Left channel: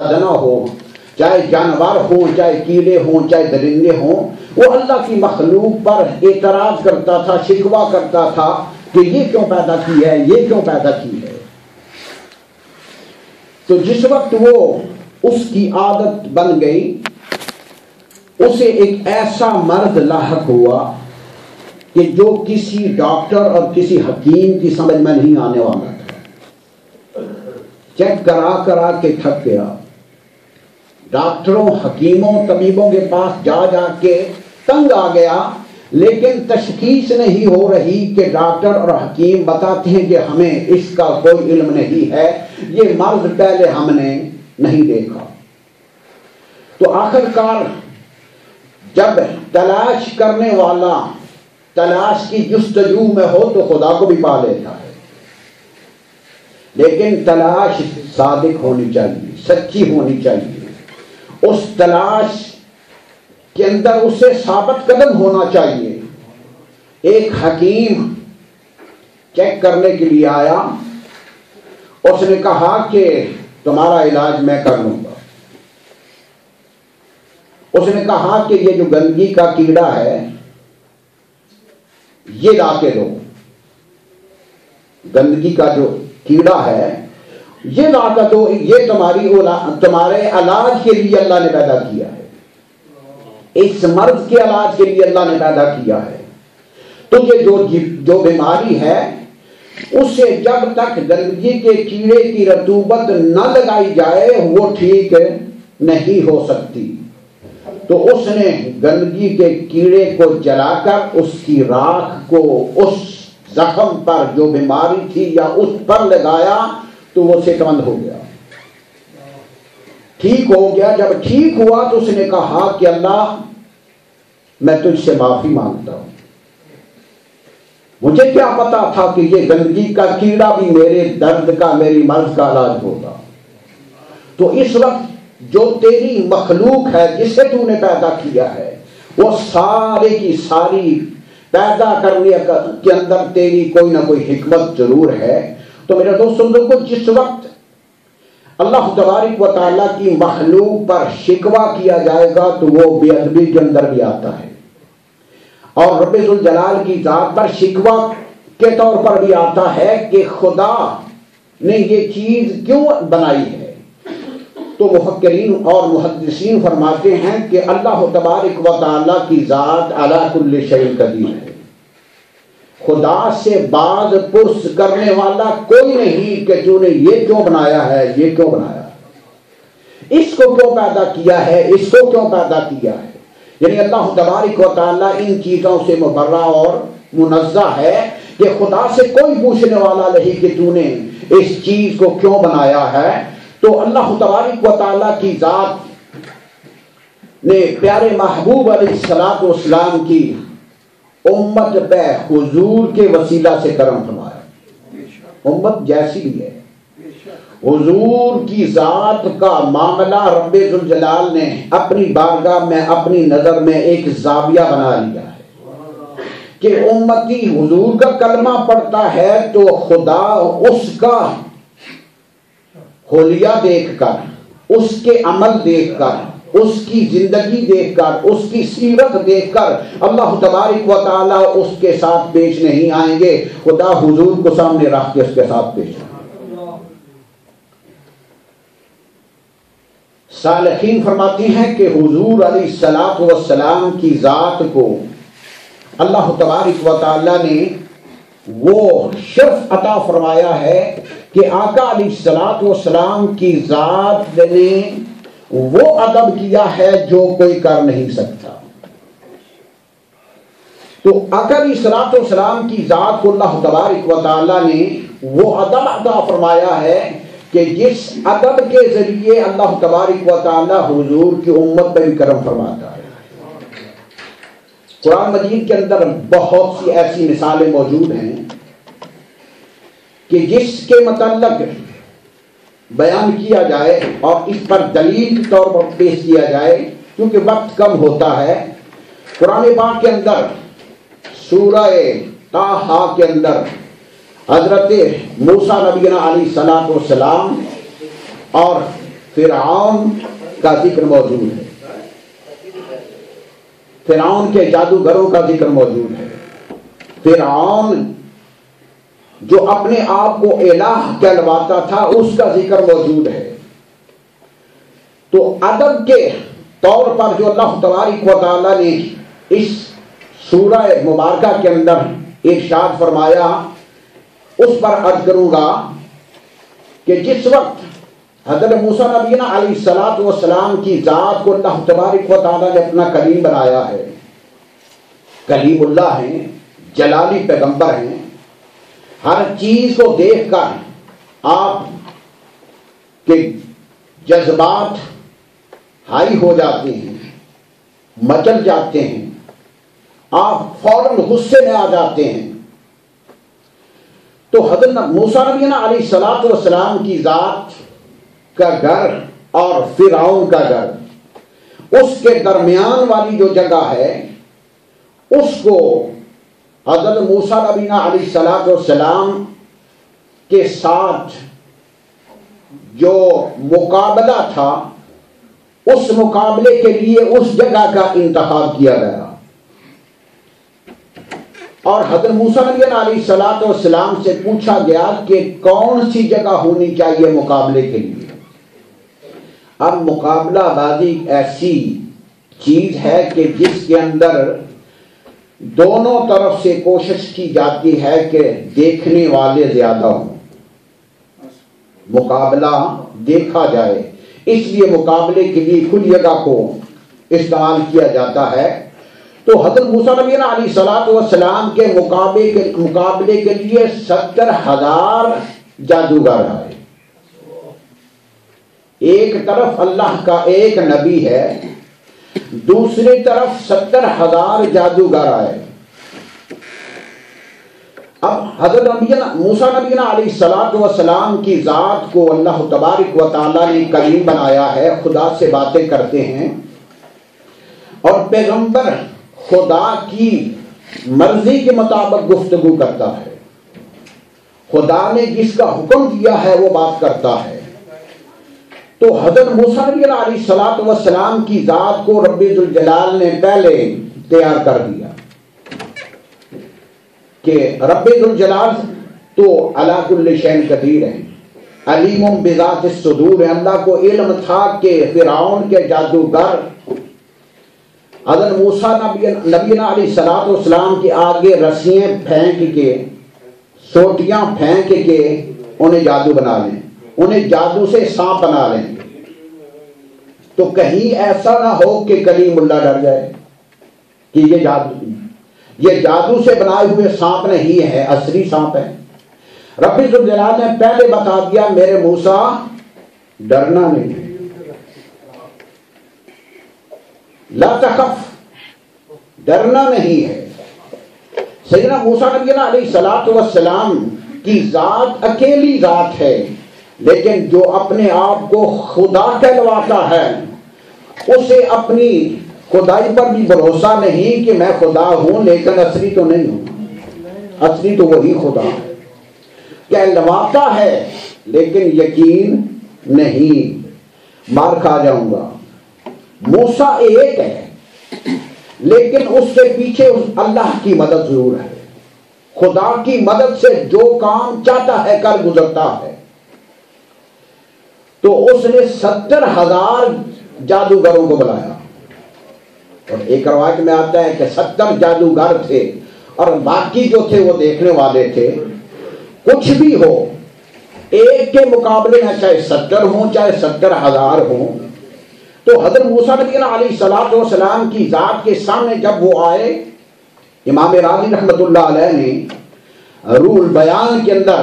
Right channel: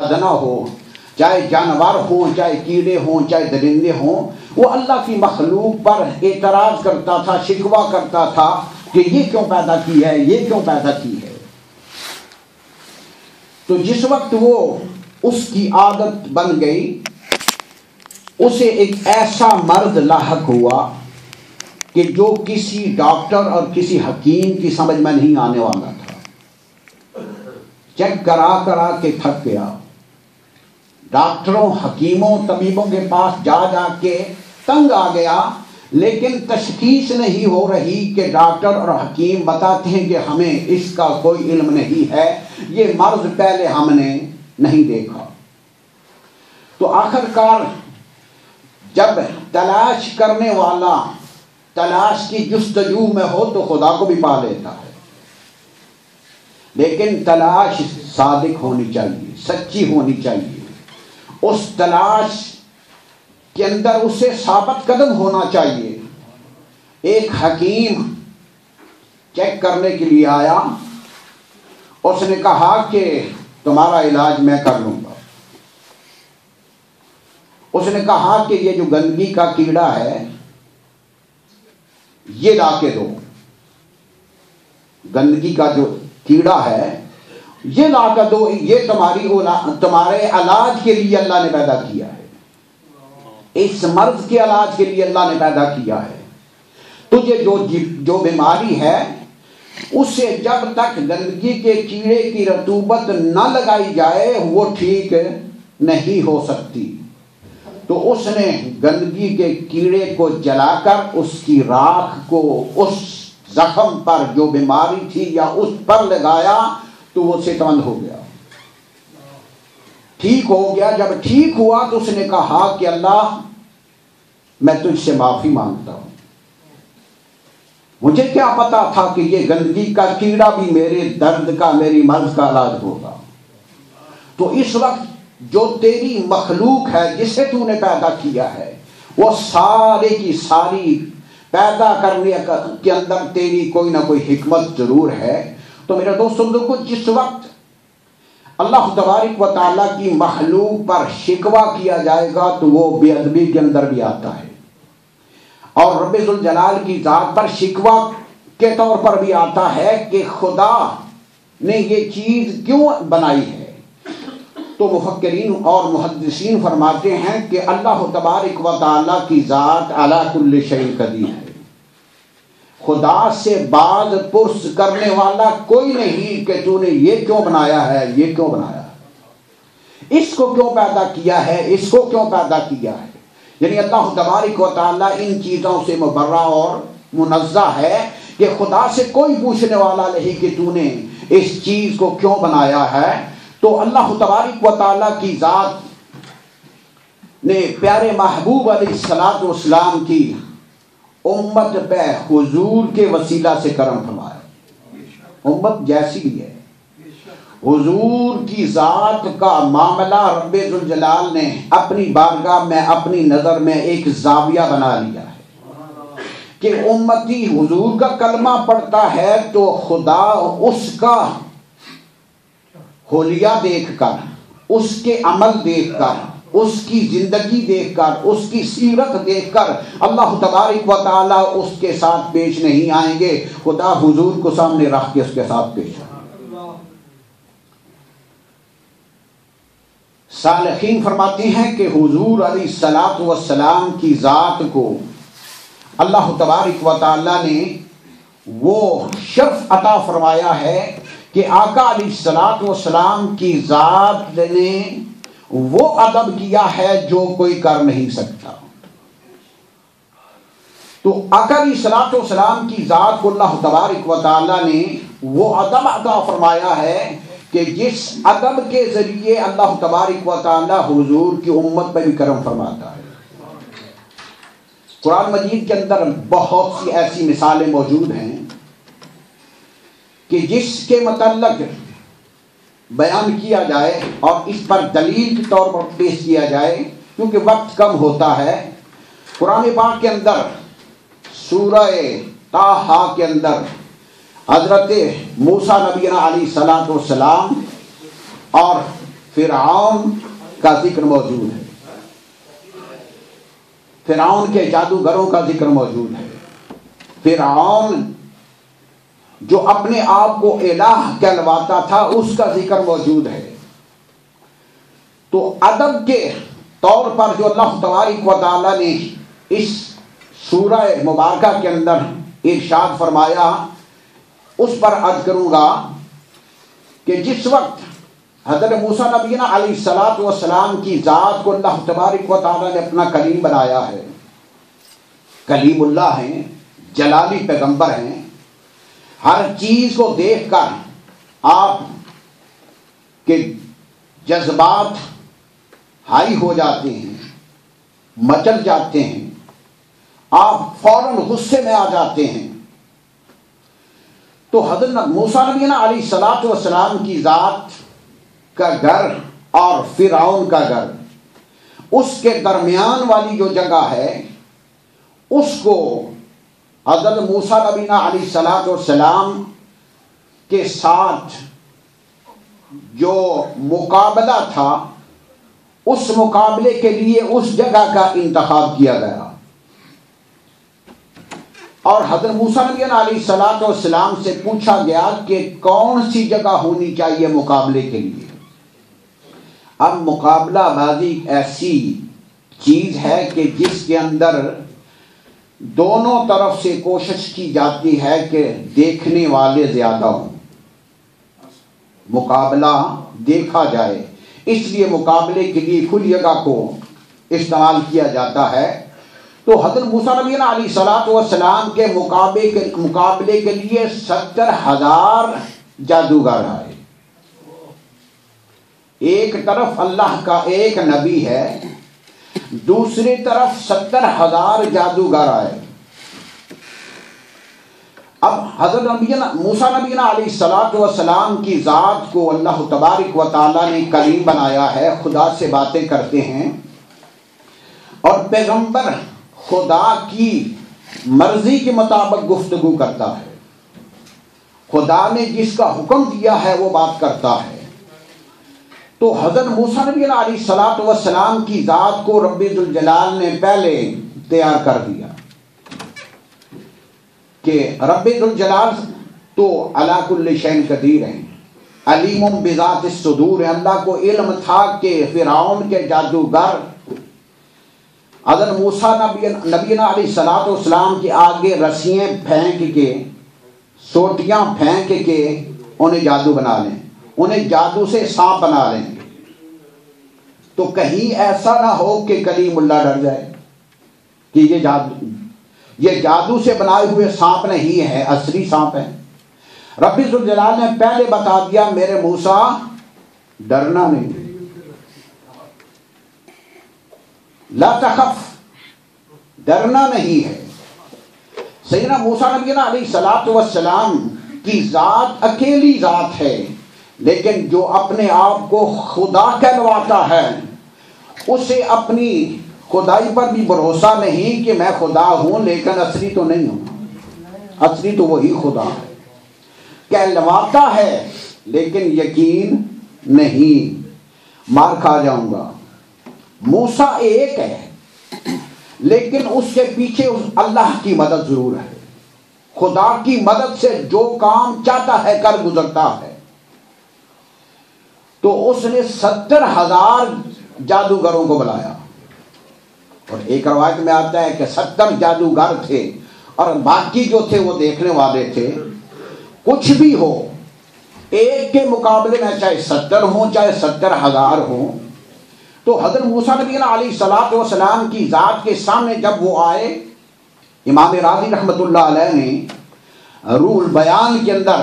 نہ ہو، چاہے جانور ہوں، چاہے کیڑے ہوں، چاہے درندے ہوں، وہ اللہ کی مخلوق پر اعتراض کرتا تھا، شکوہ کرتا تھا کہ یہ کیوں پیدا کی ہے، یہ کیوں پیدا کی ہے۔ تو جس وقت وہ اس کی عادت بن گئی، اسے ایک ایسا مرض لاحق ہوا کہ جو کسی ڈاکٹر اور کسی حکیم کی سمجھ میں نہیں آنے والا تھا۔ چیک کرا کرا کے تھک گیا، ڈاکٹروں، حکیموں، طبیبوں کے پاس جا جا کے تنگ آ گیا، لیکن تشخیص نہیں ہو رہی کہ ڈاکٹر اور حکیم بتاتے ہیں کہ ہمیں اس کا کوئی علم نہیں ہے، یہ مرض پہلے ہم نے نہیں دیکھا۔ تو آخر کار جب تلاش کرنے والا تلاش کی جستجو میں ہو تو خدا کو بھی پا لیتا ہے، لیکن تلاش صادق ہونی چاہیے، سچی ہونی چاہیے، اس تلاش کے اندر اسے ثابت قدم ہونا چاہیے۔ ایک حکیم چیک کرنے کے لیے آیا، اس نے کہا کہ تمہارا علاج میں کر لوں گا۔ اس نے کہا کہ یہ جو گندگی کا کیڑا ہے یہ لا کے دو، گندگی کا جو کیڑا ہے یہ لا کر دو، یہ تمہارے علاج کے لیے اللہ نے پیدا کیا ہے، اس مرض کے علاج کے لیے اللہ نے پیدا کیا ہے۔ تجھے جو بیماری ہے اسے جب تک گندگی کے کیڑے کی رطوبت نہ لگائی جائے وہ ٹھیک نہیں ہو سکتی۔ تو اس نے گندگی کے کیڑے کو جلا کر اس کی راکھ کو اس زخم پر جو بیماری تھی یا اس پر لگایا تو وہ صحت مند ہو گیا، ٹھیک ہو گیا۔ جب ٹھیک ہوا تو اس نے کہا کہ اللہ میں تجھ سے معافی مانگتا ہوں، مجھے کیا پتا تھا کہ یہ گندگی کا کیڑا بھی میرے درد کا، میری مرض کا علاج ہوگا۔ تو اس وقت جو تیری مخلوق ہے جسے تو نے پیدا کیا ہے وہ سارے کی ساری پیدا کرنے کے اندر تیری کوئی نہ کوئی حکمت ضرور ہے۔ تو میرے دوستوں کو جس وقت اللہ تبارک و تعالیٰ کی مخلوق پر شکوہ کیا جائے گا تو وہ بے ادبی کے اندر بھی آتا ہے، اور رب ذوالجلال کی ذات پر شکوہ کے طور پر بھی آتا ہے کہ خدا نے یہ چیز کیوں بنائی ہے۔ تو مفکرین اور محدثین فرماتے ہیں کہ اللہ تبارک و تعالیٰ کی ذات علی کل شیء قدیر ہے، خدا سے باز پرس کرنے والا کوئی نہیں کہ تو نے یہ کیوں بنایا ہے، یہ کیوں بنایا ہے، اس کو کیوں پیدا کیا ہے، اس کو کیوں پیدا کیا ہے۔ یعنی اللہ تبارک و تعالیٰ ان چیزوں سے مبرہ اور منزہ ہے کہ خدا سے کوئی پوچھنے والا نہیں کہ تو نے اس چیز کو کیوں بنایا ہے۔ تو اللہ تبارک و تعالیٰ کی ذات نے پیارے محبوب علیہ الصلوۃ والسلام کی امت پہ حضور کے وسیلہ سے کرم فرمایا۔ امت جیسی بھی ہے، حضور کی ذات کا معاملہ رب ذوالجلال نے اپنی بارگاہ میں، اپنی نظر میں ایک زاویہ بنا لیا ہے کہ امتی حضور کا کلمہ پڑھتا ہے تو خدا اس کا حلیہ دیکھ کر، اس کے عمل دیکھ کر، اس کی زندگی دیکھ کر، اس کی سیرت دیکھ کر اللہ تبارک و تعالیٰ اس کے ساتھ پیش نہیں آئیں گے، خدا حضور کو سامنے رکھ کے اس کے ساتھ پیش آئیں گے۔ صالحین فرماتے ہیں کہ حضور علیہ الصلوۃ والسلام کی ذات کو اللہ تبارک و تعالیٰ نے وہ شرف عطا فرمایا ہے کہ آقا علیہ الصلوۃ والسلام کی ذات نے وہ ادب کیا ہے جو کوئی کر نہیں سکتا۔ تو آقا علیہ الصلوۃ والسلام کی ذات کو اللہ تبارک و تعالیٰ نے وہ ادب عطا فرمایا ہے کہ جس ادب کے ذریعے اللہ تبارک و تعالیٰ حضور کی امت پہ بھی کرم فرماتا ہے۔ قرآن مجید کے اندر بہت سی ایسی مثالیں موجود ہیں کہ جس کے متعلق بیان کیا جائے اور اس پر دلیل کے طور پر پیش کیا جائے، کیونکہ وقت کم ہوتا ہے۔ قرآن پاک کے اندر سورہ طٰہٰ کے اندر حضرت موسیٰ نبی علیہ السلام اور فرعون کا ذکر موجود ہے، فرعون کے جادوگروں کا ذکر موجود ہے، فرعون جو اپنے آپ کو الہ کہلواتا تھا اس کا ذکر موجود ہے۔ تو ادب کے طور پر جو اللہ تبارک و تعالیٰ نے اس سورہ مبارکہ کے اندر ارشاد فرمایا اس پر عرض کروں گا کہ جس وقت حضرت موسیٰ نبینا علیہ السلام کی ذات کو اللہ تبارک و تعالیٰ نے اپنا کلیم بنایا ہے، کلیم اللہ ہیں، جلالی پیغمبر ہیں، ہر چیز کو دیکھ کر آپ کے جذبات ہائی ہو جاتے ہیں، مچل جاتے ہیں، آپ فوراً غصے میں آ جاتے ہیں۔ تو حضرت موسیٰ نبینا علیہ السلام کی ذات کا گھر اور فرعون کا گھر، اس کے درمیان والی جو جگہ ہے اس کو حضرت موسیٰ نبینا علیہ السلام کے ساتھ جو مقابلہ تھا اس مقابلے کے لیے اس جگہ کا انتخاب کیا گیا، اور حضرت موسیٰ علیہ السلام سے پوچھا گیا کہ کون سی جگہ ہونی چاہیے مقابلے کے لیے۔ اب مقابلہ بازی ایسی چیز ہے کہ جس کے اندر دونوں طرف سے کوشش کی جاتی ہے کہ دیکھنے والے زیادہ ہوں، مقابلہ دیکھا جائے، اس لیے مقابلے کے لیے کھلی جگہ کو استعمال کیا جاتا ہے۔ تو حضرت موسیٰ علیہ السلام کے مقابلے کے لیے 70,000 جادوگر آئے، ایک طرف اللہ کا ایک نبی ہے، دوسری طرف 70,000 جادوگر آئے۔ اب حضرت موسیٰ علیہ السلام کی ذات کو اللہ تبارک و تعالیٰ نے کلیم بنایا ہے، خدا سے باتیں کرتے ہیں، اور پیغمبر خدا کی مرضی کے مطابق گفتگو کرتا ہے، خدا نے جس کا حکم دیا ہے وہ بات کرتا ہے۔ تو حضرت موسیٰ علیہ السلام کی ذات کو رب ذوالجلال نے پہلے تیار کر دیا کہ رب ذوالجلال تو علی کل شیء قدیر ہے، علیم بذات الصدور ہے۔ اللہ کو علم تھا کہ فرعون کے جادوگر حضرت موسیٰ نبینا علیہ السلام کے آگے رسیاں پھینک کے، سوٹیاں پھینک کے انہیں جادو بنا لیں، انہیں جادو سے سانپ بنا لیں، تو کہیں ایسا نہ ہو کہ کلیم اللہ ڈر جائے کہ یہ جادو سے بنائے ہوئے سانپ نہیں ہے، اصلی سانپ ہے۔ رب ذوالجلال نے پہلے بتا دیا میرے موسیٰ ڈرنا نہیں، لا تخف، ڈرنا نہیں ہے۔ سیدنا موسیٰ علیہ السلام کی ذات اکیلی ذات ہے، لیکن جو اپنے آپ کو خدا کہلواتا ہے اسے اپنی خدائی پر بھی بھروسہ نہیں کہ میں خدا ہوں لیکن اصلی تو نہیں ہوں، اصلی تو وہی خدا ہے، کہلواتا ہے لیکن یقین نہیں، مار کھا جاؤں گا۔ موسیٰ ایک ہے لیکن اس کے پیچھے اللہ کی مدد ضرور ہے، خدا کی مدد سے جو کام چاہتا ہے کر گزرتا ہے۔ تو اس نے 70,000 جادوگروں کو بلایا، اور ایک روایت میں آتا ہے کہ 70 جادوگر تھے اور باقی جو تھے وہ دیکھنے والے تھے۔ کچھ بھی ہو، ایک کے مقابلے میں چاہے 70 ہوں چاہے 70,000 ہوں۔ تو حضرت موسیٰ علیہ السلام کی ذات کے سامنے جب وہ آئے، امام راضی رحمۃ اللہ علیہ نے روح البیان کے اندر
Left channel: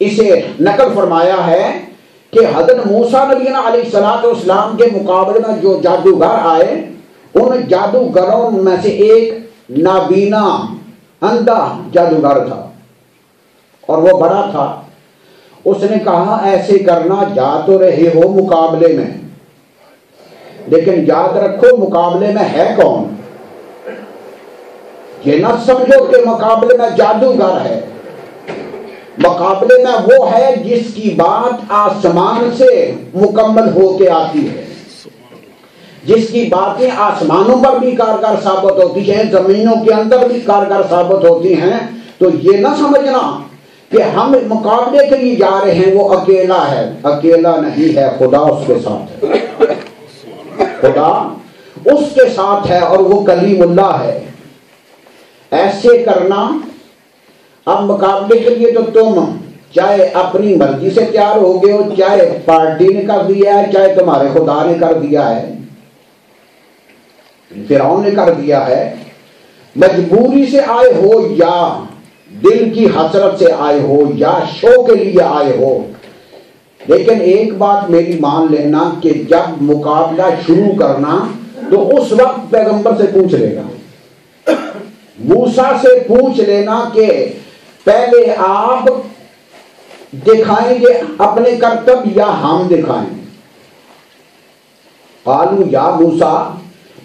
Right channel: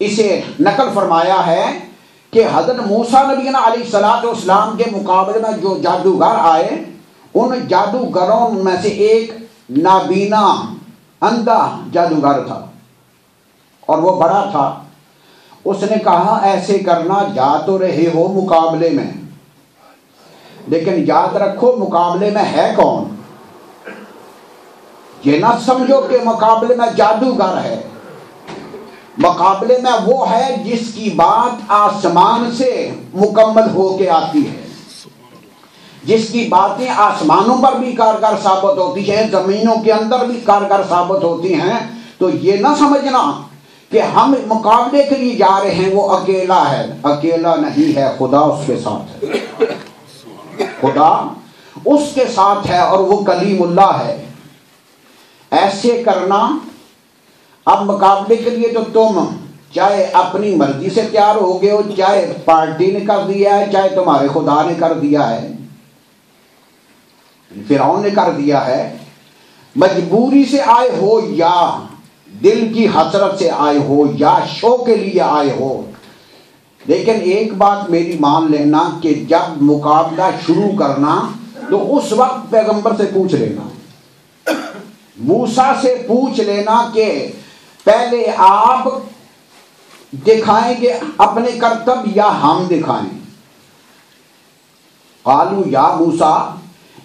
اسے نقل فرمایا ہے کہ حضرت موسیٰ علیہ السلام کے مقابلے میں جو جادوگر آئے، ان جادوگروں میں سے ایک نابینا اندھا جادوگر تھا، اور وہ بڑا تھا۔ اس نے کہا ایسے کرنا، جا تو رہے ہو مقابلے میں لیکن یاد رکھو مقابلے میں ہے کون، یہ نہ سمجھو کہ مقابلے میں جادوگر ہے، مقابلے میں وہ ہے جس کی بات آسمان سے مکمل ہو کے آتی ہے، جس کی باتیں آسمانوں پر بھی کارگر ثابت ہوتی ہیں، زمینوں کے اندر بھی کارگر ثابت ہوتی ہیں۔ تو یہ نہ سمجھنا کہ ہم مقابلے کے لیے جا رہے ہیں، وہ اکیلا ہے، اکیلا نہیں ہے، خدا اس کے ساتھ ہے، خدا اس کے ساتھ ہے اور وہ کلیم اللہ ہے۔ ایسے کرنا، اب مقابلے کے لیے تو تم چاہے اپنی مرضی سے تیار ہو گئے ہو، چاہے پارٹی نے کر دیا ہے، چاہے تمہارے خدا نے کر دیا ہے، فرعون نے کر دیا ہے، مجبوری سے آئے ہو یا دل کی حسرت سے آئے ہو یا شو کے لیے آئے ہو، لیکن ایک بات میری مان لینا کہ جب مقابلہ شروع کرنا تو اس وقت پیغمبر سے پوچھ لینا، موسیٰ سے پوچھ لینا کہ پہلے آپ دکھائیں گے اپنے کرتب یا ہم دکھائیں؟ قالوا یا موسیٰ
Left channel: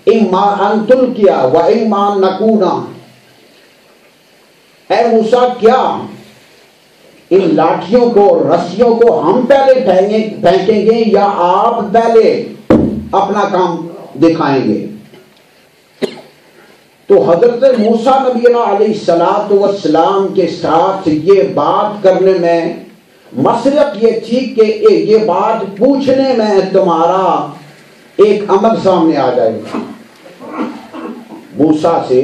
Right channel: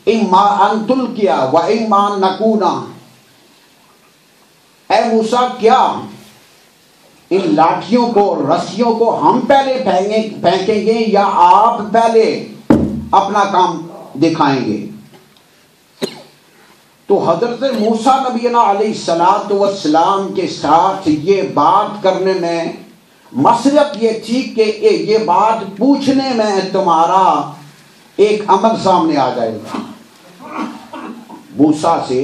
اما ان تلقی و اما ان نکون، اے موسیٰ کیا ان لاٹھیوں کو، رسیوں کو ہم پہلے پھینکیں گے یا آپ پہلے اپنا کام دکھائیں گے؟ تو حضرت موسیٰ نبی علیہ السلام کے ساتھ یہ بات کرنے میں مسلک یہ تھی کہ یہ بات پوچھنے میں تمہارا ایک عمل سامنے آ جائے گا، موسیٰ سے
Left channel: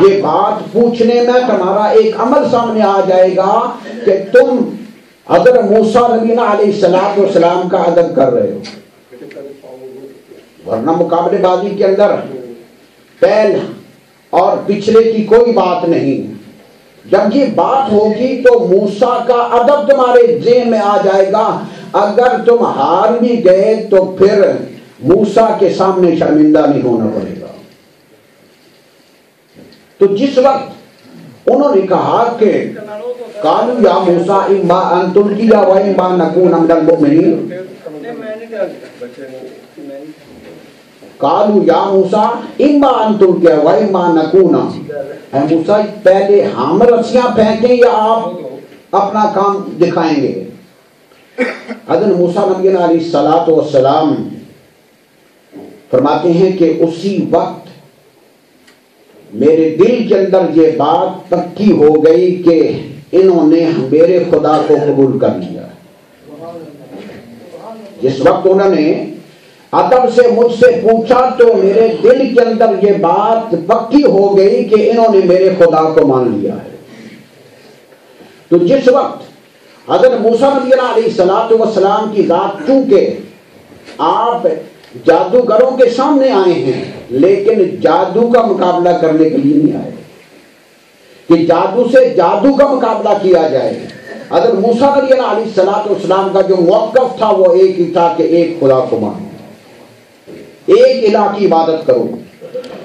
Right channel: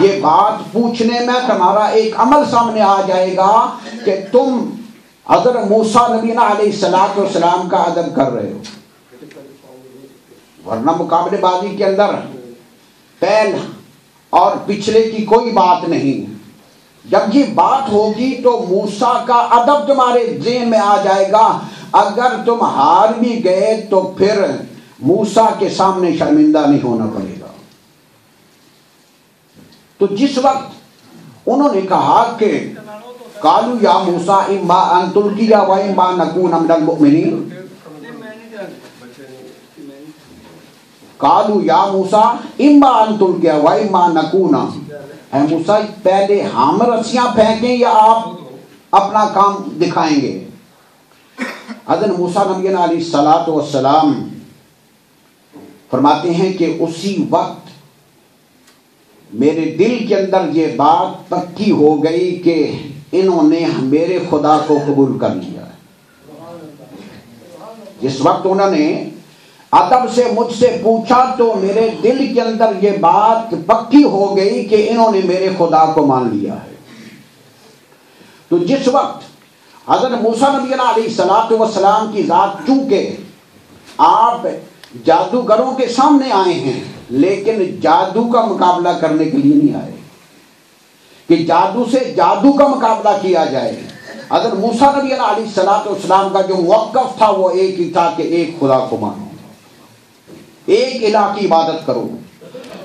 یہ بات پوچھنے میں تمہارا ایک عمل سامنے آ جائے گا کہ تم حضرت موسیٰ نبی علیہ السلام کا ادب کر رہے ہو، ورنہ مقابلے بازی کے اندر پہل اور پچھلے کی کوئی بات نہیں۔ جب یہ بات ہوگی تو موسیٰ کا ادب تمہارے ذہن میں آ جائے گا، اگر تم ہار بھی گئے تو پھر موسیٰ کے سامنے شرمندہ نہیں ہونا پڑے گا۔ تو جس وقت انہوں نے کہا کہ قالوا یا موسیٰ اما ان تلقی و اما نکون من المؤمنین، قالوا یا موسیٰ اما ان تلقی و اما نکون، اے موسیٰ پہلے ہم رسیاں پھینکیں یا آپ اپنا کام دکھائیں گے؟ حضرت موسیٰ نبی علیہ السلام فرماتے ہیں کہ اسی وقت میرے دل کے اندر یہ بات پکی ہو گئی کہ انہوں نے میرے خدا کو قبول کر لیا۔ جس وقت انہوں نے ادب سے مجھ سے پوچھا تو میرے دل کے اندر یہ بات پکی ہو گئی کہ انہوں نے میرے خدا کو مان لیا ہے۔ تو جس وقت حضرت موسیٰ نبی علیہ السلام کی ذات، چونکہ آپ جادوگروں کے سامنے آئے ہیں لیکن جادو کا مقابلہ کرنے کے لیے نہیں آئے کہ جادو سے جادو کا مقابلہ کیا جائے۔ حضرت موسیٰ نبی علیہ السلام کا جو موقف تھا وہ ایک ہی تھا کہ ایک خدا کو مانو، ایک الہ کی عبادت کرو۔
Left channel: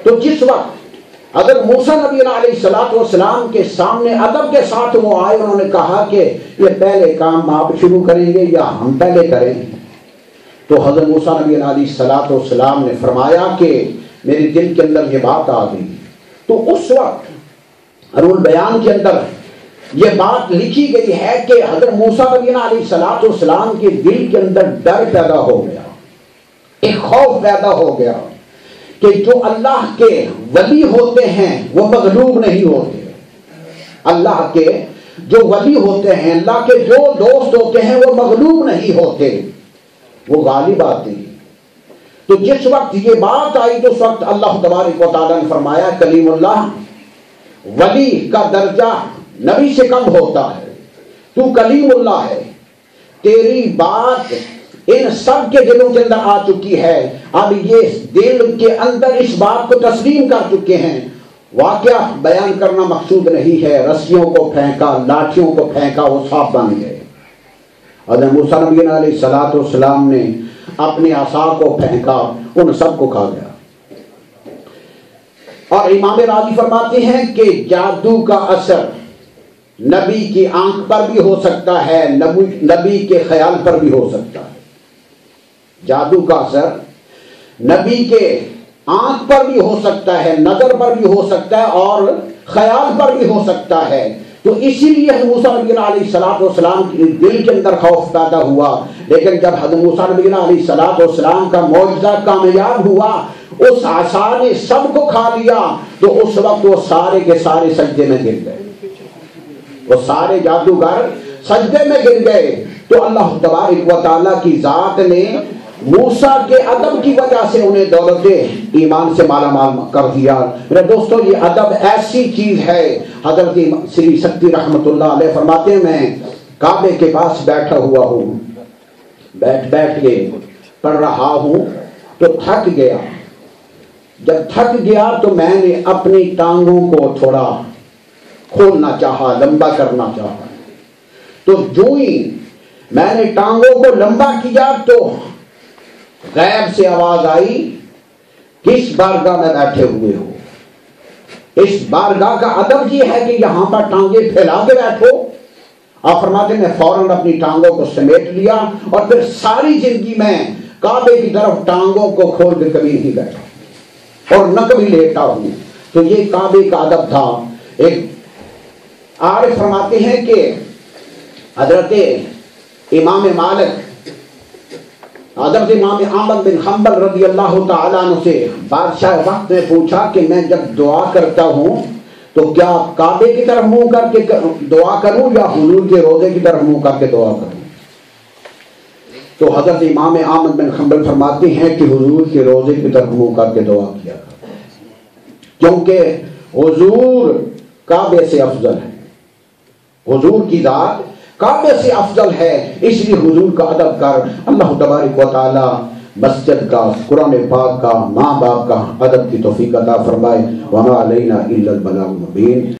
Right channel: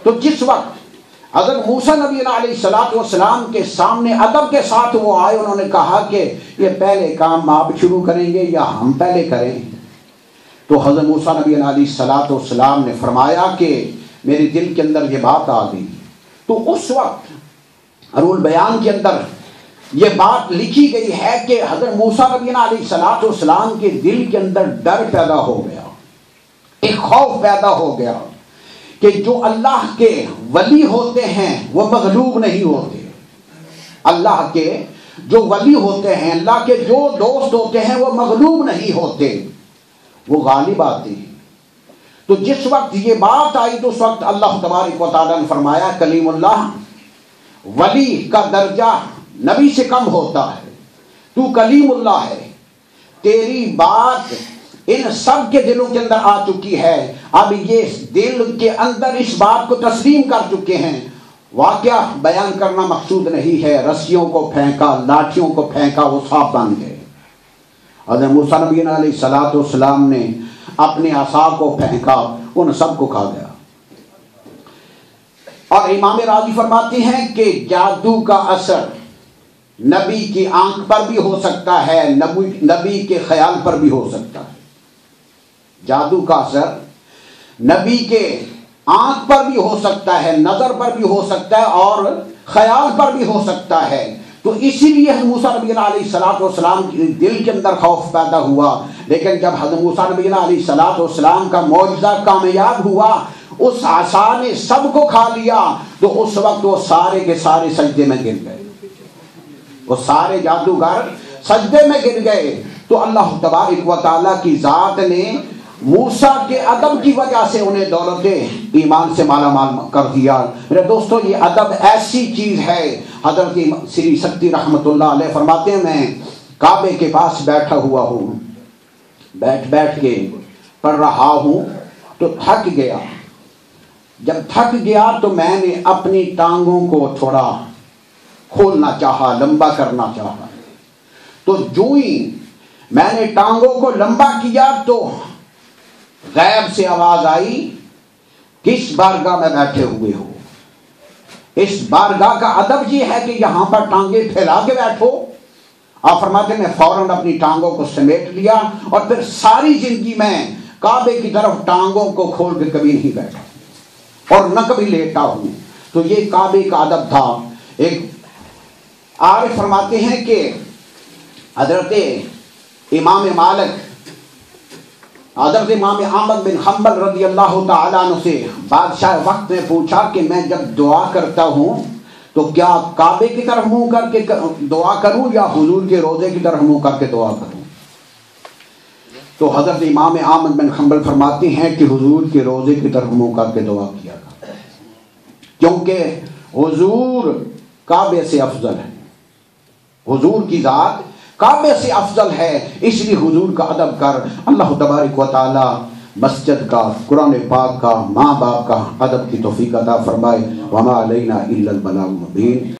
تو جس وقت حضرت موسیٰ نبی علیہ السلام کے سامنے ادب کے ساتھ وہ آئے، انہوں نے کہا کہ یہ پہلے کام آپ شروع کریں گے یا ہم پہلے کریں؟ تو حضرت موسیٰ نبی علیہ السلام نے فرمایا کہ میرے دل کے اندر یہ بات آ گئی۔ تو اس وقت رول بیان کے اندر یہ بات لکھی گئی ہے کہ حضرت موسیٰ نبی علیہ السلام کے دل کے اندر ڈر پیدا ہو گیا، ایک خوف پیدا ہو گیا کہ جو اللہ کے ولی ہوتے ہیں وہ مغلوب نہیں ہوتے، اللہ کے جو ولی ہوتے ہیں، اللہ کے جو دوست ہوتے ہیں وہ مغلوب نہیں ہوتے، وہ غالب آتے ہیں۔ تو جس وقت یہ بات آئی تو اس وقت اللہ تبارک و تعالیٰ نے فرمایا کلیم اللہ، ولی کا درجہ نبی سے کم ہوتا ہے، تو کلیم اللہ ہے، تیری بات ان سب کے دلوں کے اندر آ چکی ہے، اب یہ دل کے اندر اس بات کو تسلیم کر چکے ہیں۔ واقعہ بیان کرنا مقصود نہیں ہے، رسیوں کو پھینکا، لاٹھیوں کو پھینکا، وہ صاف بن گئے۔ حضرت موسیٰ نبی علیہ السلام نے اپنے عصا کو پھینکا، ان سب کو کھا گیا۔ اور امام راضی فرماتے ہیں کہ جادو کا اثر نبی کی آنکھ پر بھی ہو سکتا ہے، نبی کے خیال پر بھی ہو سکتا ہے۔ جادو کا اثر نبی کے آنکھ پر بھی ہو سکتا ہے، نظر پر بھی ہو سکتا ہے اور خیال پر بھی ہو سکتا ہے۔ تو اسی لیے حضرت موسیٰ نبی علیہ السلام کے دل کے اندر خوف پیدا ہوا. لیکن جب حضرت موسیٰ نبی علیہ السلام کا معجزہ کامیاب ہوا، اس عصا نے سب کو کھا لیا، تو اس وقت وہ سارے کے سارے سجدے میں گر گئے، وہ سارے جادوگر سجدے میں گر گئے. تو اللہ تبارک و تعالیٰ کی ذات نے موسیٰ کے ادب کی وجہ سے انہیں دولت ایمان سے مالا مال کر دیا. میرے دوستو، یہ ادب ایسی چیز ہے. حضرت سری سکتی رحمت اللہ علیہ فرماتے ہیں، میں کعبے کے پاس بیٹھا ہوا ہوں، بیٹھ کے پڑھ رہا ہوں تو تھک گیا. جب تھک گیا تو میں نے اپنی ٹانگوں کو تھوڑا کھولنا چاہا، لمبا کرنا چاہا. تو جو ہی میں نے ٹانگوں کو لمبا کیا تو غیب سے آواز آئی، کس بارگاہ میں بیٹھے ہوئے ہو؟ اس بارگاہ کا ادب یہ ہے کہ یہاں پر ٹانگیں پھیلا کے بیٹھو. آپ فرماتے ہیں میں فوراً اپنی ٹانگوں کو سمیٹ لیا اور پھر ساری زندگی میں کعبے کی طرف ٹانگوں کو کھول کے کبھی نہیں بیٹھا اور نہ کبھی لیٹا ہوں. تو یہ کعبے کا ادب تھا. ایک عارف فرماتے ہیں کہ حضرت امام احمد بن حنبل رضی اللہ تعالیٰ عنہ سے بادشاہ وقت نے پوچھا کہ میں جب دعا کرتا ہوں تو کیا کعبے کی طرف منہ کر کے دعا کروں یا حضور کے روضے کی طرف منہ کر کے دعا کروں؟ تو حضرت امام احمد بن حنبل فرماتے ہیں کہ حضور کے روضے کی طرف منہ کر کے دعا کیا کرو، کیونکہ حضور کعبے سے افضل ہے، حضور کی ذات کعبے سے افضل ہے. اس لیے حضور کا ادب کر. اللہ تبارک و تعالی مسجد کا، قرآن پاک کا، ماں باپ کا ادب کی توفیق عطا فرمائے. وما علینا الا البلاغ المبین.